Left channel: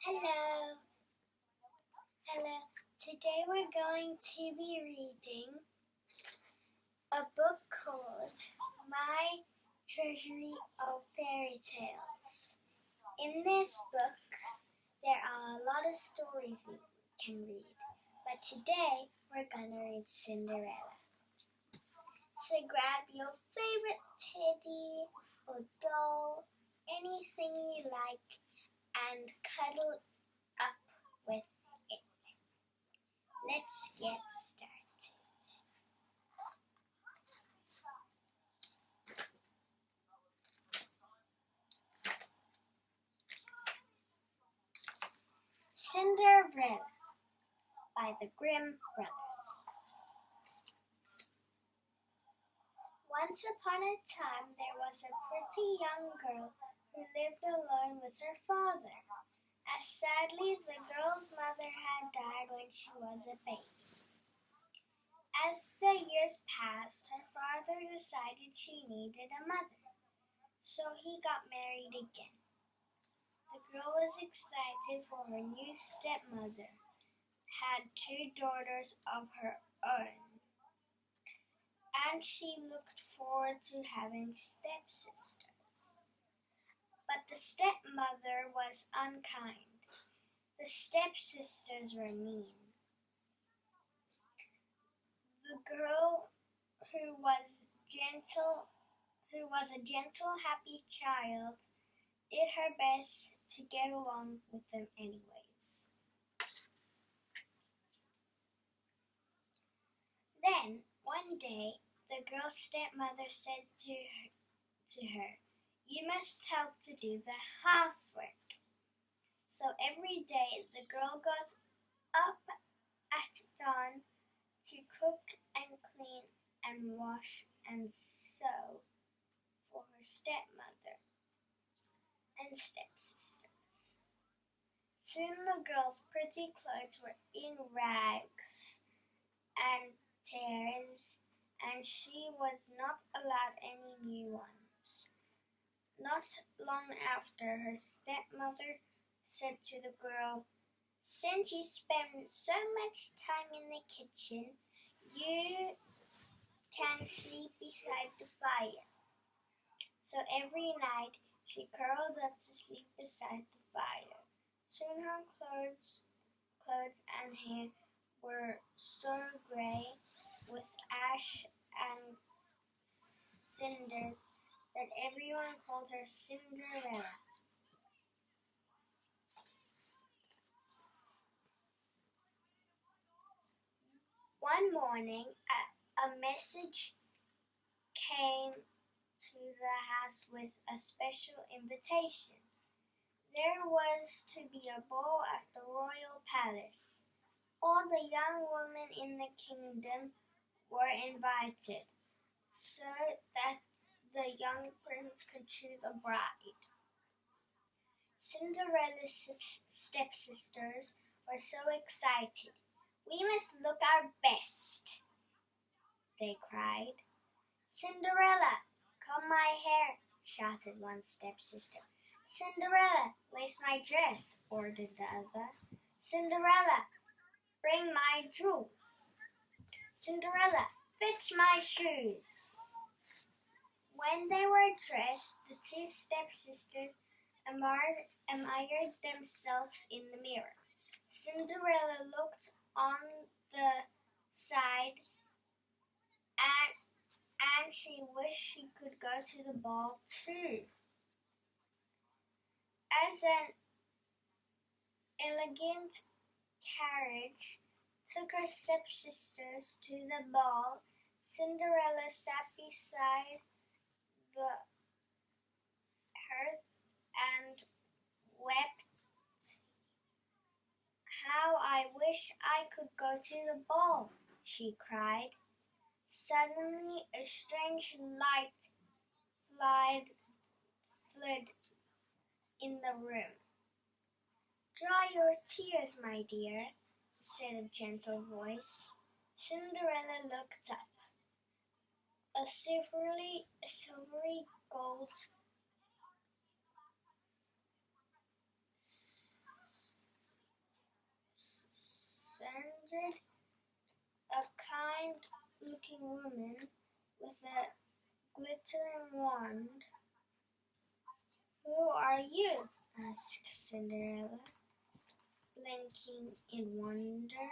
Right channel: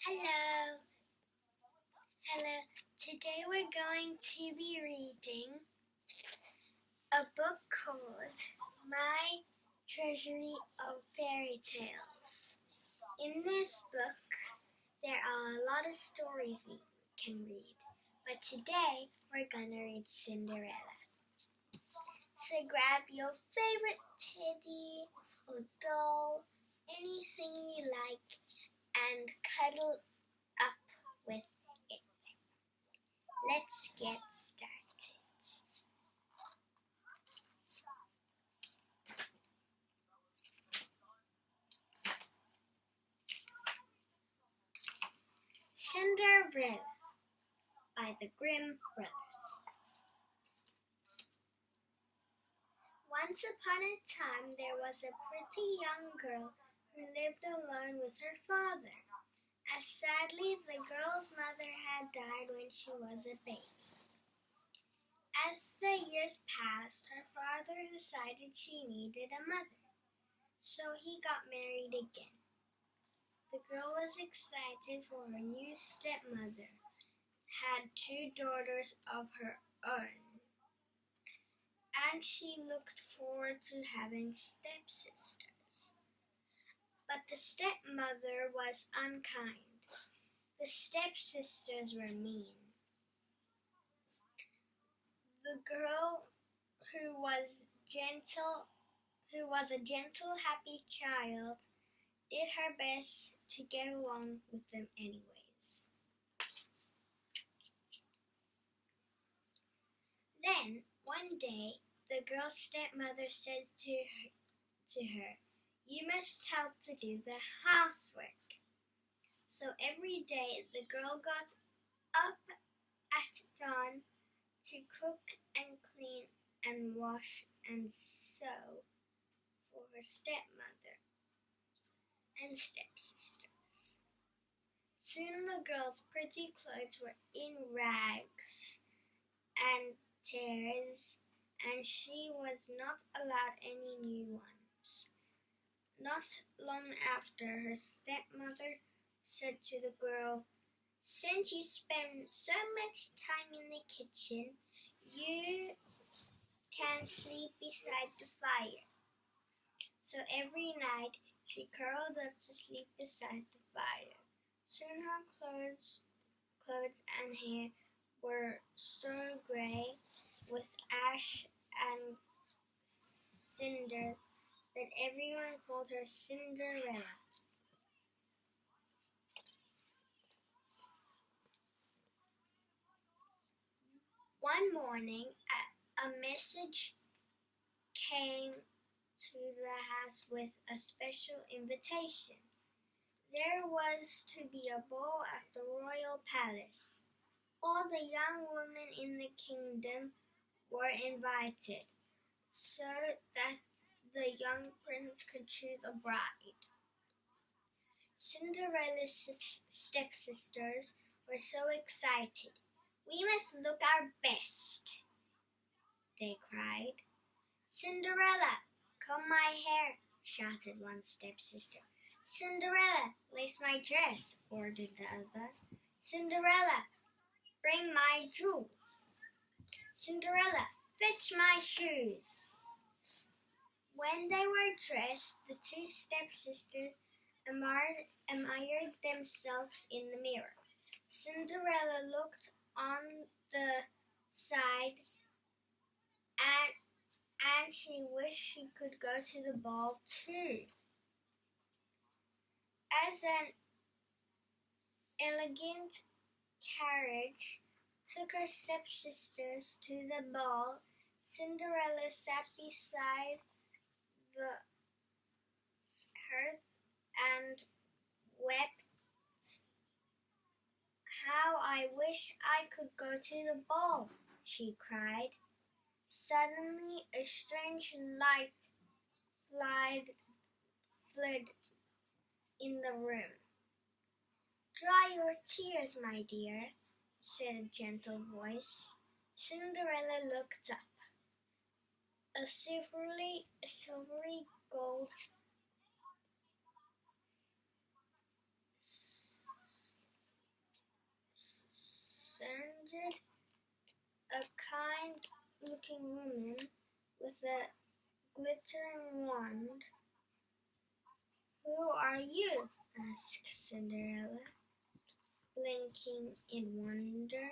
Hello. Hello. Today we're going to be reading a book called My Treasury of Fairy Tales. In this book, there are a lot of stories we can read, but today we're going to read Cinderella. So grab your favorite teddy or doll, anything you like, and cuddle up with it. Let's get started. Cinderella by the Grimm brothers. Once upon a time there was a pretty young girl who lived alone with her father, as sadly the girl's mother had died when she was a baby. As the years passed, her father decided she needed a mother, so he got married again. The girl was excited for her new stepmother had two daughters of her own, and she looked forward to having stepsisters. But the stepmother was unkind. The stepsisters were mean. The girl who was a gentle, happy child, did her best to get along with them anyways. Then, one day, the girl's stepmother said to her, "You must help to do the housework." So every day the girl got up at dawn to cook and clean and wash and sew for her stepmother and stepsisters. Soon the girl's pretty clothes were in rags and tears, and she was not allowed any new ones. Not long after, her stepmother said to the girl, "Since you spend so much time in the kitchen, you can sleep beside the fire." So every night she curled up to sleep beside the fire. Soon her clothes and hair were so gray with ash and cinders that everyone called her Cinderella. One morning, a message came to the house with a special invitation. There was to be a ball at the royal palace. All the young women in the kingdom were invited, so that the young prince could choose a bride. Cinderella's stepsisters were so excited. "We must look our best," they cried. "Cinderella, comb my hair," shouted one stepsister. "Cinderella, lace my dress," ordered the other. "Cinderella, bring my jewels." "Cinderella, fetch my shoes." When they were dressed, the two stepsisters admired themselves in the mirror. Cinderella looked on the side and she wished she could go to the ball too. As an elegant carriage took her stepsisters to the ball, Cinderella sat beside the hearth and wept. "How I wish I could go to the ball," she cried. Suddenly a strange light fled in the room. "Dry your tears, my dear," said a gentle voice. Cinderella looked up. A silvery gold looking woman with a glittering wand. "Who are you?" asked Cinderella, blinking in wonder.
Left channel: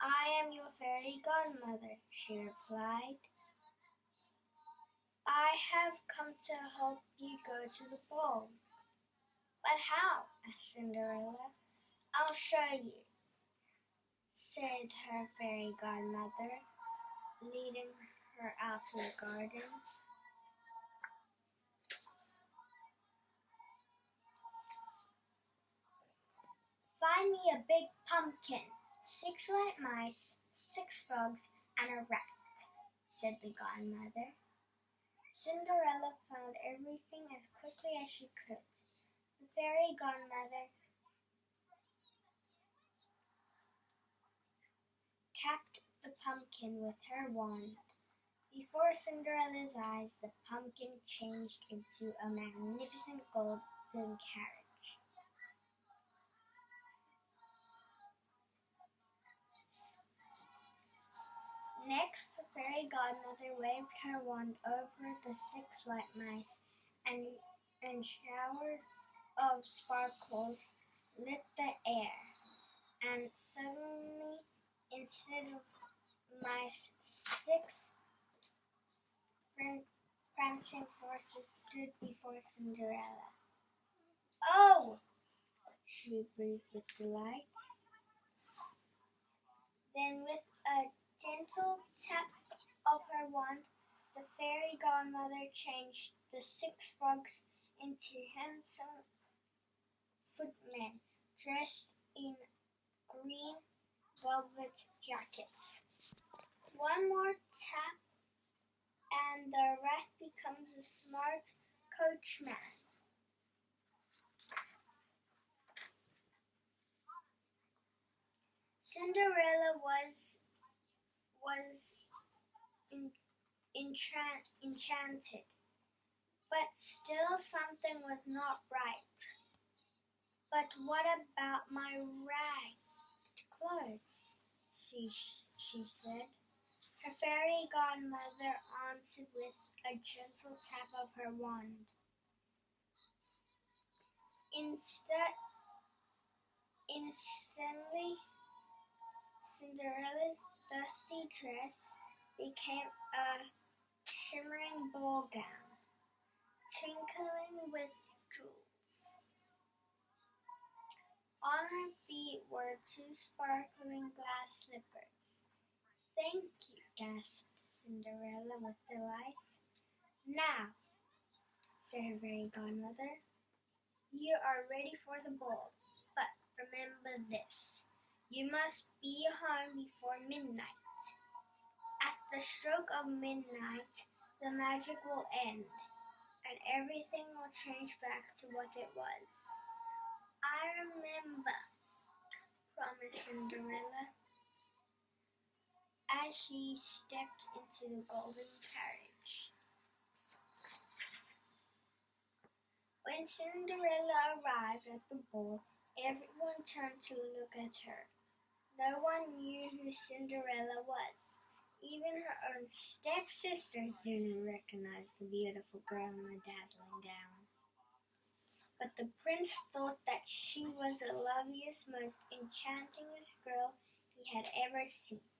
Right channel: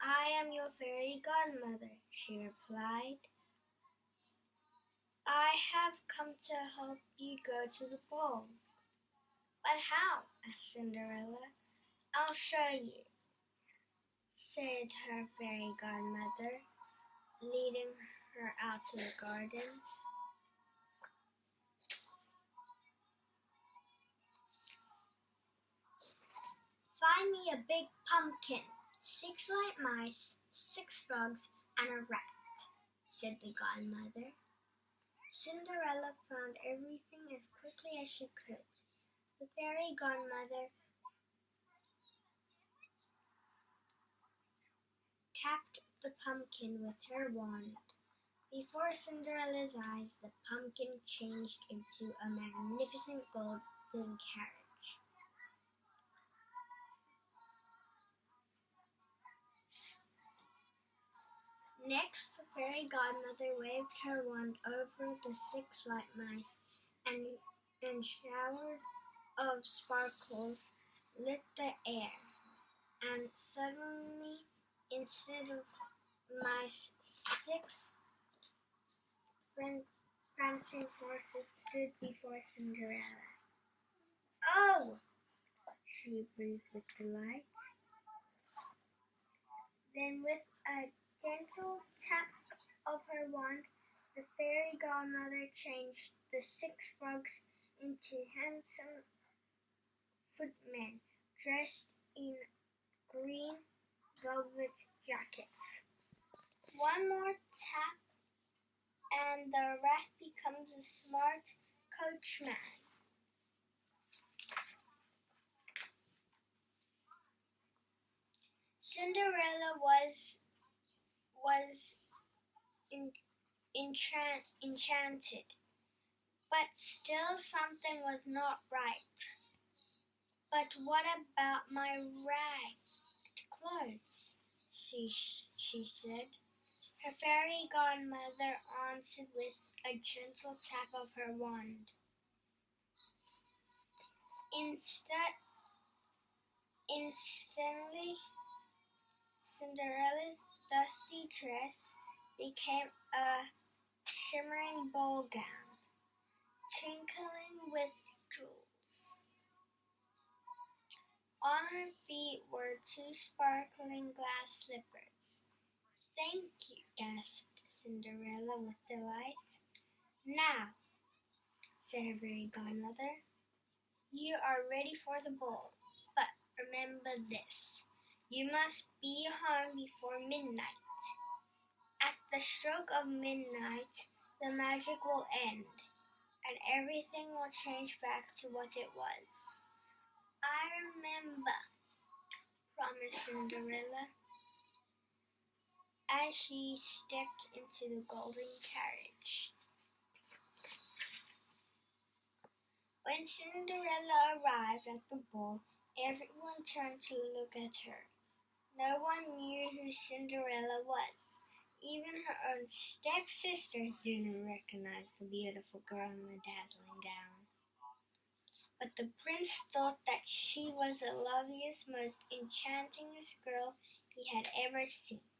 "I am your fairy godmother," she replied. "I have come to help you go to the ball." "But how?" asked Cinderella. "I'll show you," said her fairy godmother, leading her out to the garden. "Find me a big pumpkin, 6 white mice, 6 frogs, and a rat," said the godmother. Cinderella found everything as quickly as she could. The fairy godmother tapped the pumpkin with her wand. Before Cinderella's eyes, the pumpkin changed into a magnificent golden carriage. Next, the fairy godmother waved her wand over the 6 white mice, and shower of sparkles lit the air. And suddenly, instead of mice, 6 prancing horses stood before Cinderella. "Oh!" she breathed with delight. Then, with a gentle tap of her wand, the fairy godmother changed the 6 frogs into handsome footmen dressed in green velvet jackets. One more tap, and the rat becomes a smart coachman. Cinderella was enchanted, but still something was not right. "But what about my ragged clothes?" she said. Her fairy godmother answered with a gentle tap of her wand. Instantly, Cinderella's dusty dress became a shimmering ball gown, twinkling with jewels. On her feet were 2 sparkling glass slippers. "Thank you," gasped Cinderella with delight. "Now," said her fairy godmother, "you are ready for the ball. But remember this, you must be home before midnight. At the stroke of midnight, the magic will end, and everything will change back to what it was." "I remember," promised Cinderella, as she stepped into the golden carriage. When Cinderella arrived at the ball, everyone turned to look at her. No one knew who Cinderella was. Even her own stepsisters didn't recognize the beautiful girl in the dazzling gown. But the prince thought that she was the loveliest, most enchantingest girl he had ever seen.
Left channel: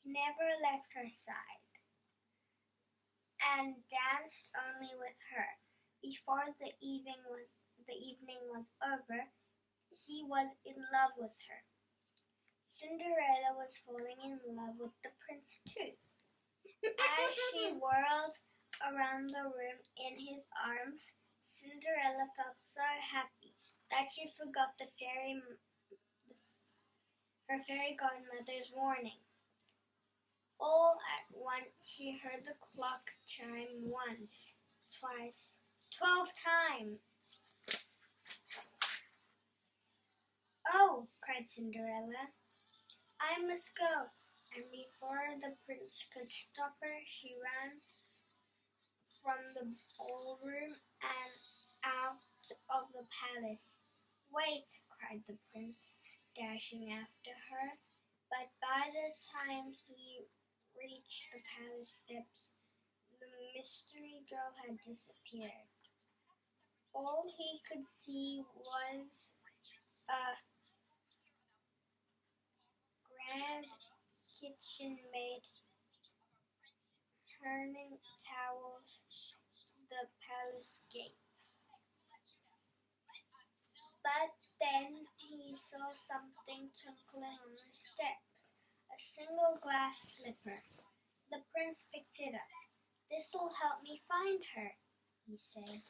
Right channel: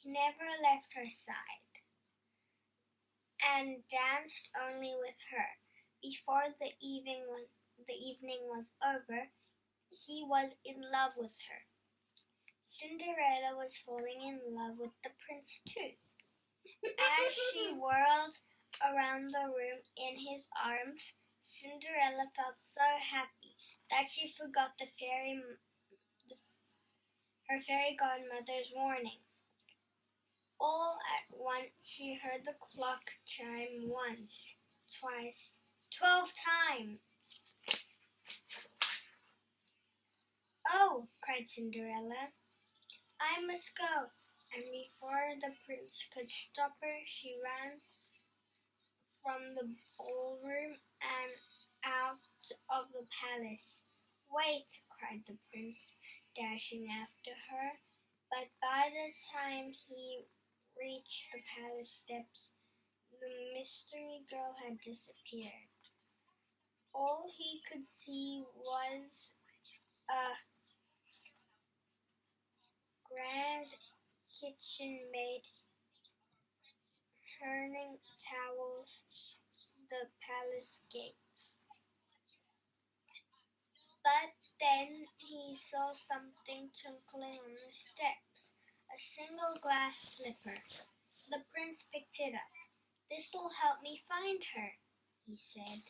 He never left her side and danced only with her. Before the evening was over, he was in love with her. Cinderella was falling in love with the prince too. As she whirled around the room in his arms, Cinderella felt so happy that she forgot her fairy godmother's warning. All at once she heard the clock chime once, twice, 12 times. "Oh!" cried Cinderella, "I must go." And before the prince could stop her, she ran from the ballroom and out of the palace. "Wait!" cried the prince, dashing after her. But by the time he reached the palace steps, the mystery girl had disappeared. All he could see was a grand kitchen maid turning towels the palace gates. But then he saw something twinkling on the steps, a single glass slipper. The prince picked it up. "This'll help me find her," he said.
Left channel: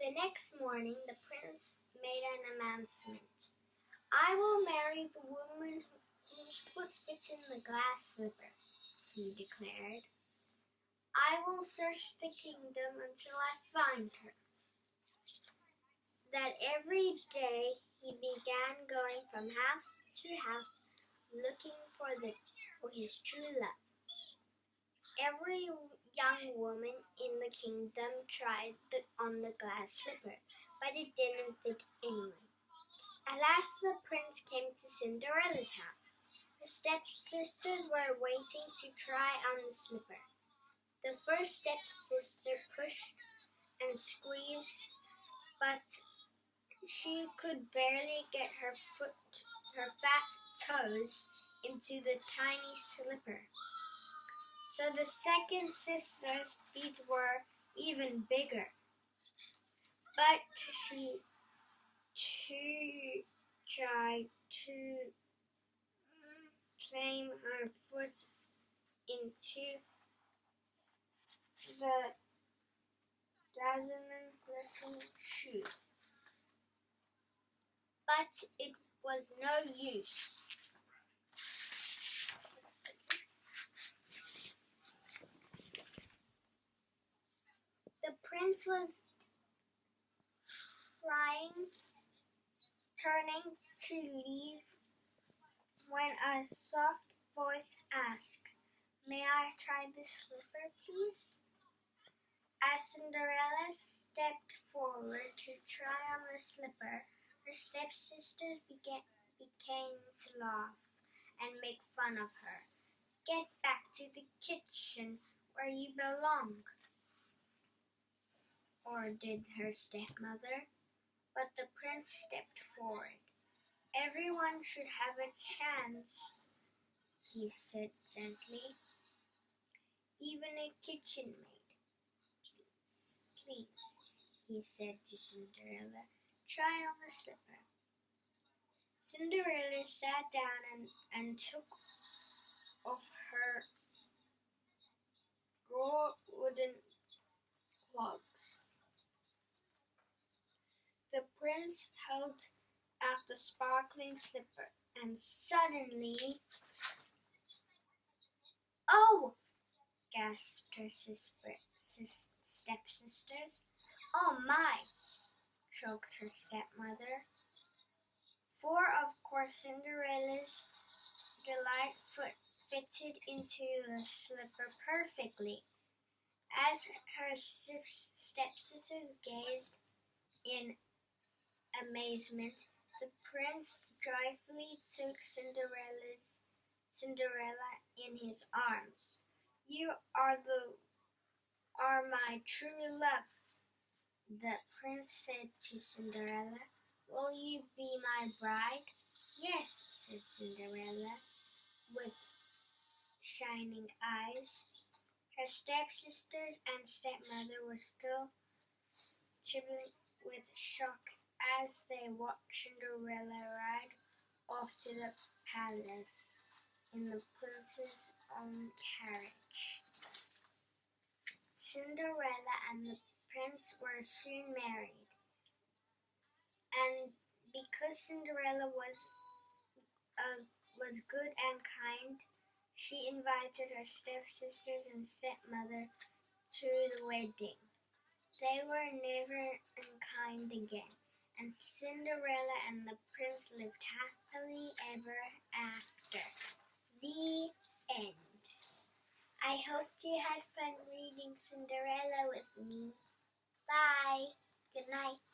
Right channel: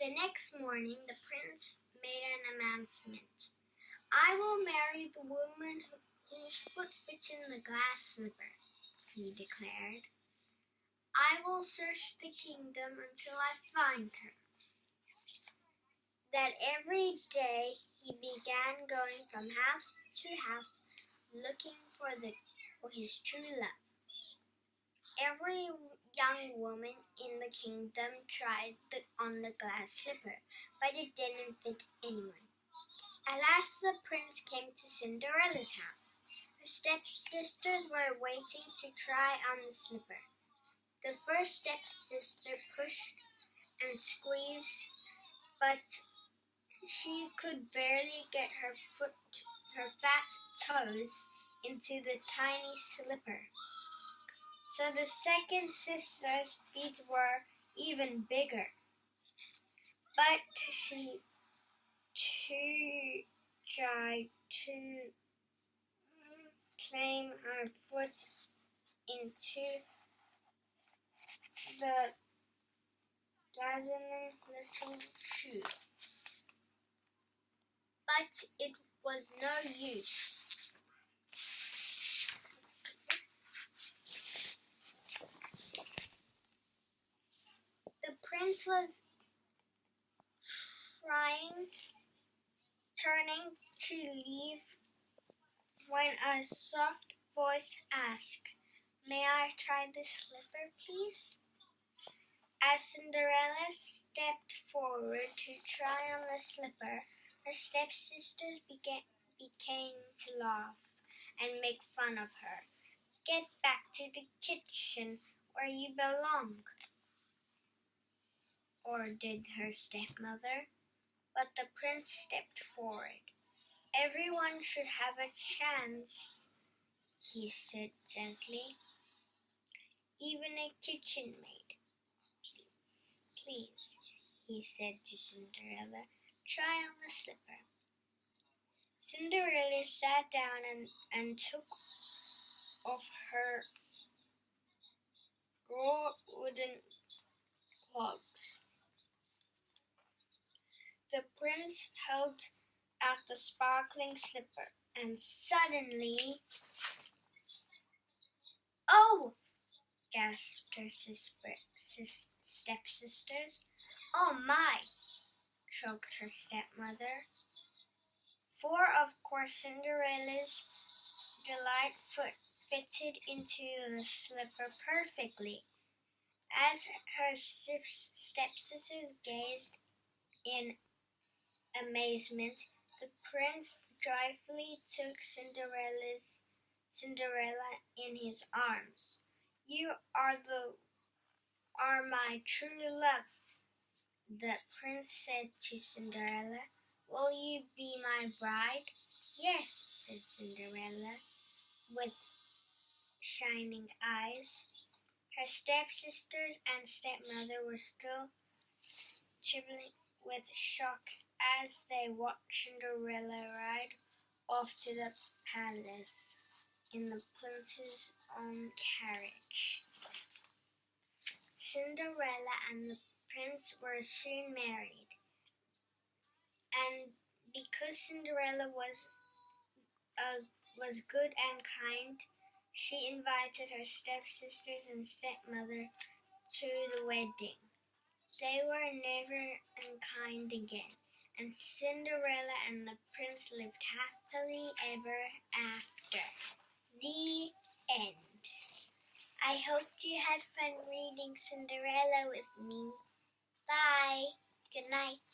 The next morning, the prince made an announcement. "I will marry the woman whose foot fits in the glass slipper," he declared. "I will search the kingdom until I find her." That every day he began going from house to house looking for his true love. Every young woman in the kingdom tried on the glass slipper, but it didn't fit anyone. At last the prince came to Cinderella's house. Her stepsisters were waiting to try on the slipper. The first stepsister pushed and squeezed, but she could barely get her fat toes into the tiny slipper. So the second sister's feet were even bigger, but she too tried to climb her foot into the dazzling little shoe. But it was no use. The prince was turning to leave when a soft voice asked, "May I try the slipper, please?" As Cinderella stepped forward to try on the slipper, her stepsisters began to laugh and make fun of her. "Get back to the kitchen where you belong," ordered her stepmother. But the prince stepped forward. "Everyone should have a chance," he said gently. "Even a kitchen maid. Please," he said to Cinderella, "try on the slipper." Cinderella sat down and took off her raw wooden clogs. The prince held out the sparkling slipper, and suddenly, "Oh!" gasped her stepsisters. "Oh my!" choked her stepmother. For of course Cinderella's delight foot fitted into the slipper perfectly. As her stepsisters gazed in amazement, the prince joyfully took Cinderella in his arms. "You are my true love," the prince said to Cinderella. "Will you be my bride?" "Yes," said Cinderella, with shining eyes. Her stepsisters and stepmother were still trembling with shock as they watched Cinderella ride off to the palace in the prince's own carriage. Cinderella and the prince were soon married, and because Cinderella was good and kind, she invited her stepsisters and stepmother to the wedding. They were never unkind again, and Cinderella and the prince lived happily ever after. The end. I hoped you had fun reading Cinderella with me. Bye. Good night.